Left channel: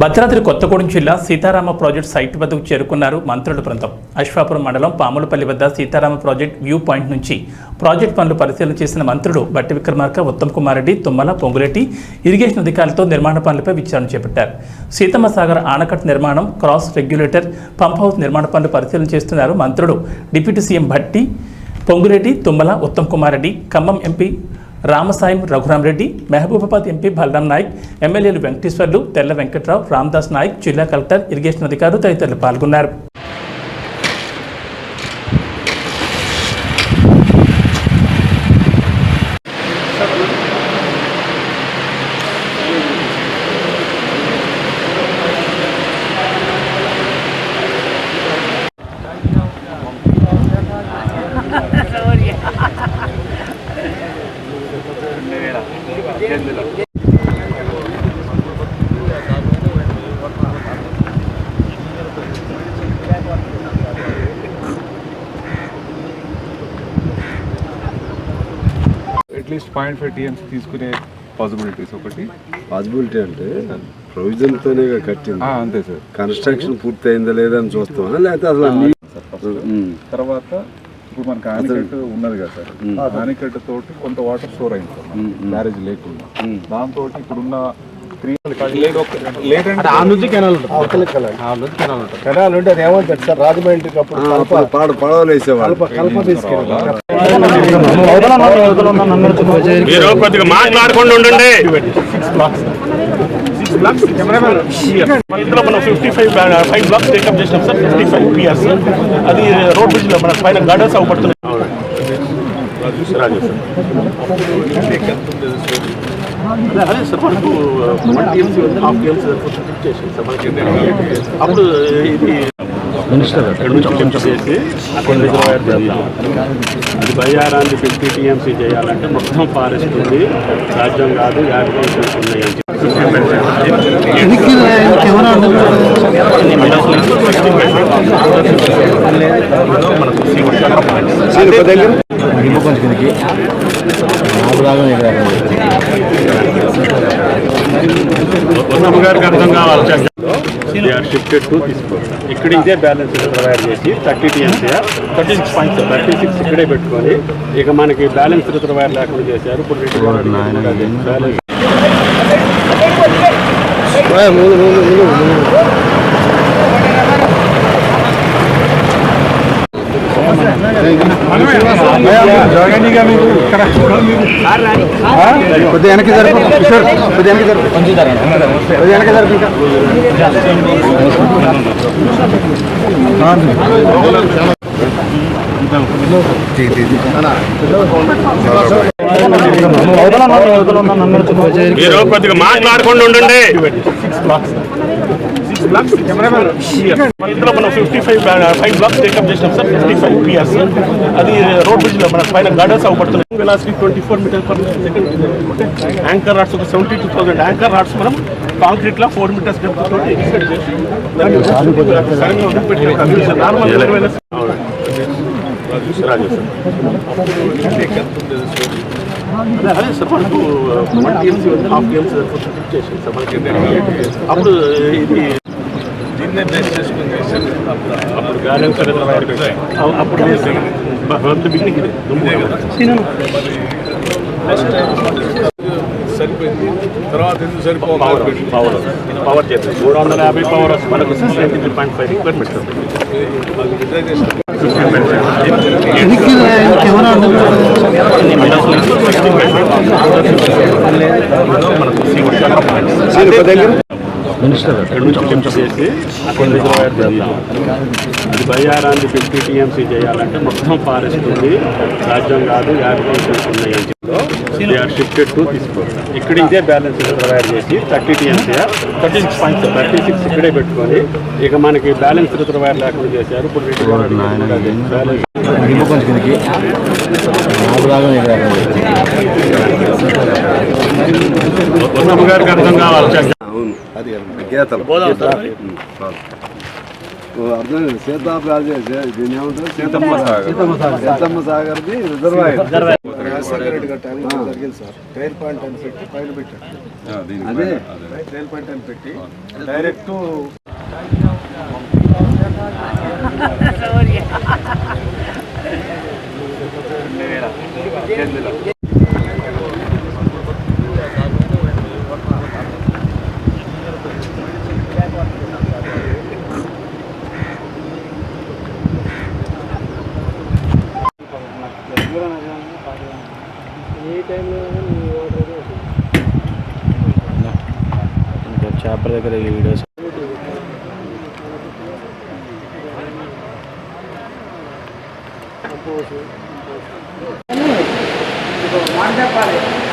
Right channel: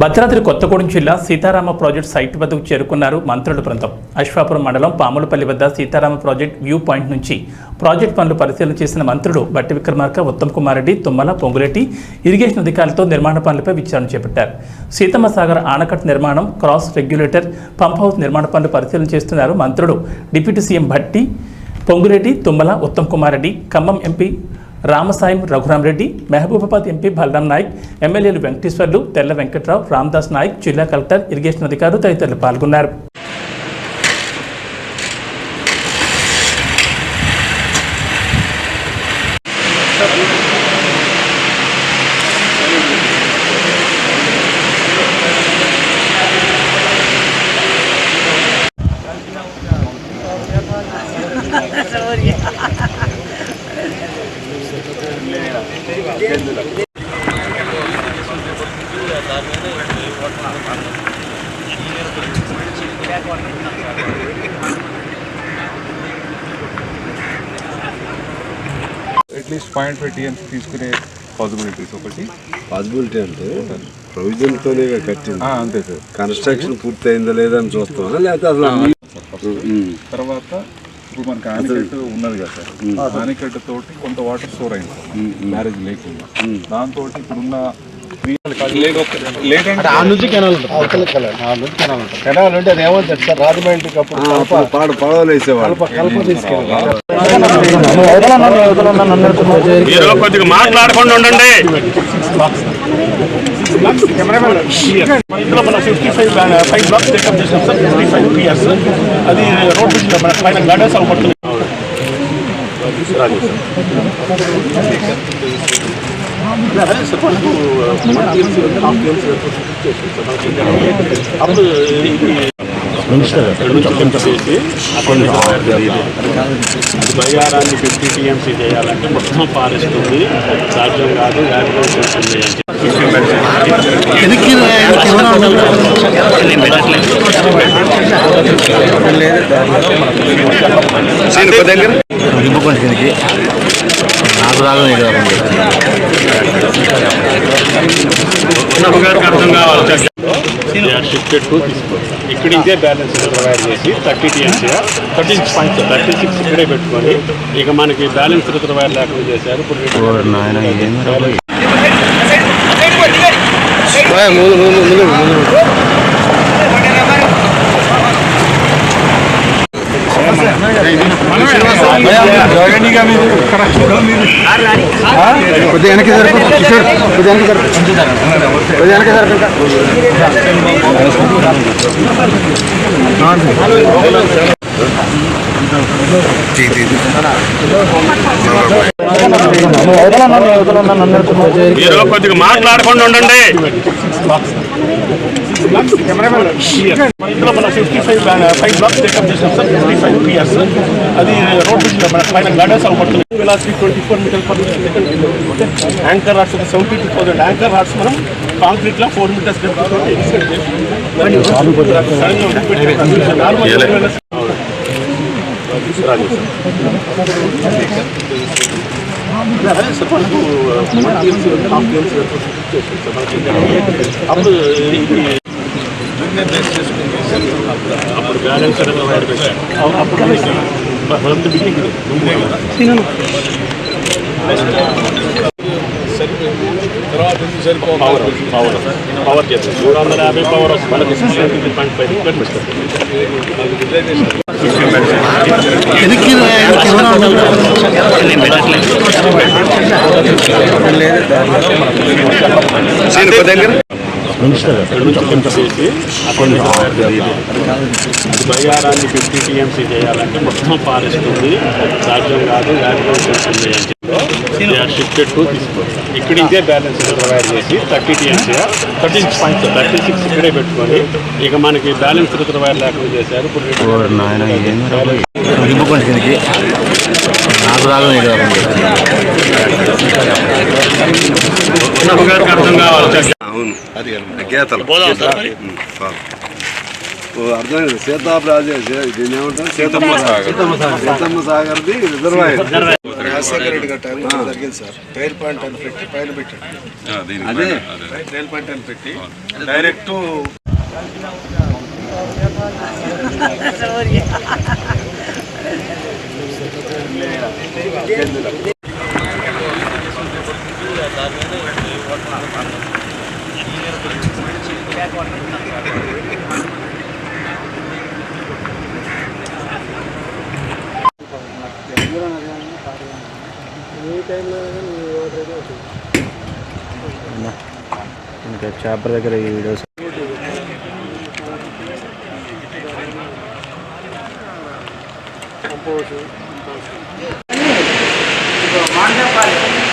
భద్రాద్రి కొత్తగూడెం జిల్లా Sitarama project site వద్దకు చేరుకున్నారు మంత్రుల బృందం. అశ్వాపురం మండలం పాములపల్లి వద్ద సీతారామ ప్రాజెక్టు వ్యూ పాయింట్ నుంచి ప్రాజెక్టు పనులు పరిశీలన చేసిన మంత్రులు బట్టి విక్రమార్క, ఉత్తమ్ కుమార్ రెడ్డి, తుమ్మల, పొంగులేటి ఇరిగేషన్ అధికారులతో నిర్మాణ పనులపై విచారణ చేపట్టారు. సీతమ్మ సాగర్ ఆనకట్ట నిర్మాణం, క్రాస్ రెగ్యులేటర్, పంప్ హౌస్ నిర్మాణ పనులు పరిశీలన చేస్తున్నారు మంత్రులు. Deputy CM Bhatti, Ponguleti, Tummala, Uttam Kumar Reddy, Khammam MP Ramasahayam Raghurama Reddy, Mahabubabad MP Balaram Naik, ఎమ్మెల్యేలు వెంకటేశ్వర్లు, తెల్ల వెంకట్రావు, రామదాస్ నాయక్, జిల్లా కలెక్టర్, ఇరిగేషన్ అధికారులు తదితరులు పాల్గొన్నారు. అట్లీస్ట్ 0.5 TMs తీసుకునే పాసిబిలిటీస్ ఒకటి పాసిబిలిటీ అంటే ప్రొవిజన్తోనే కట్టింది అంతే సార్. కన్స్ట్రక్షన్ పూర్తి అయిందా లేదా అని చూస్తామా లేకపోతే అసలు తర్వాత ఇప్పుడు మనకి ఆనికట్టు ఉన్నది కదా సార్, ఆనికట్టు తోటి కొంత వాటర్ స్టోర్ అయింది సార్ బ్యారేజ్ లేకుండా. దాంతో ఇప్పుడున్న కెనాల్ ఉంటే అది ఏమంటారు సార్, రాజమండ్రికి అప్పుడు పడవలు వేసేవాళ్ళు మాట్లాడుకుంటూ ఉండండి. ఇందులో మనం 5 బ్లాక్స్ టేకప్ చేసినాం సార్. 55 PRs అది రోడ్ బ్రిడ్జ్ మన పైన గార్డెన్స్ అవపడుతున్నాయి. రాజు సార్ అదే సార్ మనకు 1 TMC 1.5 TMC చేసాం సార్. మనకి అప్పుడు ఇది చేసి అది బయ్యారాన్ని 50 TMC చేయాలంటే మొత్తం ఫారెస్ట్ ఉంది, సాధ్యం కాదు, యాక్సిడెంట్స్ ఉన్నాయి అని గారికి అర్థం కావాలి. షిఫ్టెడ్ టు తీసుకో ఇక్కడ ఇదే బ్యాలెన్స్ ప్రొవైడ్ చేసి 30 TMC 36 ఇక్కడే పెట్టుకొని ఇక మనకి బ్యాలెన్స్ ప్రొవైడ్ లేకుండా చేశారు. ఇప్పుడు కొద్దిగా మాట్లాడుకుంటూ ఉండండి. ఇందులో మనం 5 బ్లాక్స్ టేకప్ చేసినాం సార్. 55 PRs అది రోడ్ బ్రిడ్జ్ మన పైన గార్డెన్స్ అవపడుతున్నాయి. 24 meters/second. యాంకర్ రాడ్స్ ఒక 72,000 యాంకర్ రాడ్స్ మనం కాంక్రీట్ లో 4 meters రాజు సార్ అదే సార్ మనకు 1 TMC 1.5 TMC చేసాం సార్. మనకి అప్పుడు ఇది అప్పుడు బ్యాలెన్స్ అప్పుడు లేదు బిగినింగ్ ఇది సరిపోయింది. తర్వాత ఎందుకు సరిపోవాలి పవర్ చేస్తాం 350 పవర్ మనకు 63.5 రిక్వైర్మెంట్స్. చేసి అది బయ్యారాన్ని 50 TMC చేయాలంటే మొత్తం ఫారెస్ట్ ఉంది, సాధ్యం కాదు, యాక్సిడెంట్స్ ఉన్నాయి అని షిఫ్టెడ్ టు తీసుకో ఇక్కడ ఇదే బ్యాలెన్స్ ప్రొవైడ్ చేసి 30 TMC 36 ఇక్కడే పెట్టుకొని ఇక మనకి బ్యాలెన్స్ ప్రొవైడ్ లేకుండా చేశారు. ఇప్పుడు గారికి అర్థం కావాలి. అవును, అది గీతలు అర్థమైంది. సీతారాజు దీన్ని ఏమంటారు, సీతమ్మ సాగర్ది రిజర్వాయర్. రాజశేఖర రెడ్డి గారి టైంలో జరిగింది సార్. ట్రైల్ పాయింట్ అని పెట్టి పైన పెట్టాడు. అదే ట్రైల్ పాయింట్ అని పెట్టి డైరెక్ట్ చేపల దగ్గర ఈ వీడియోస్ వాటర్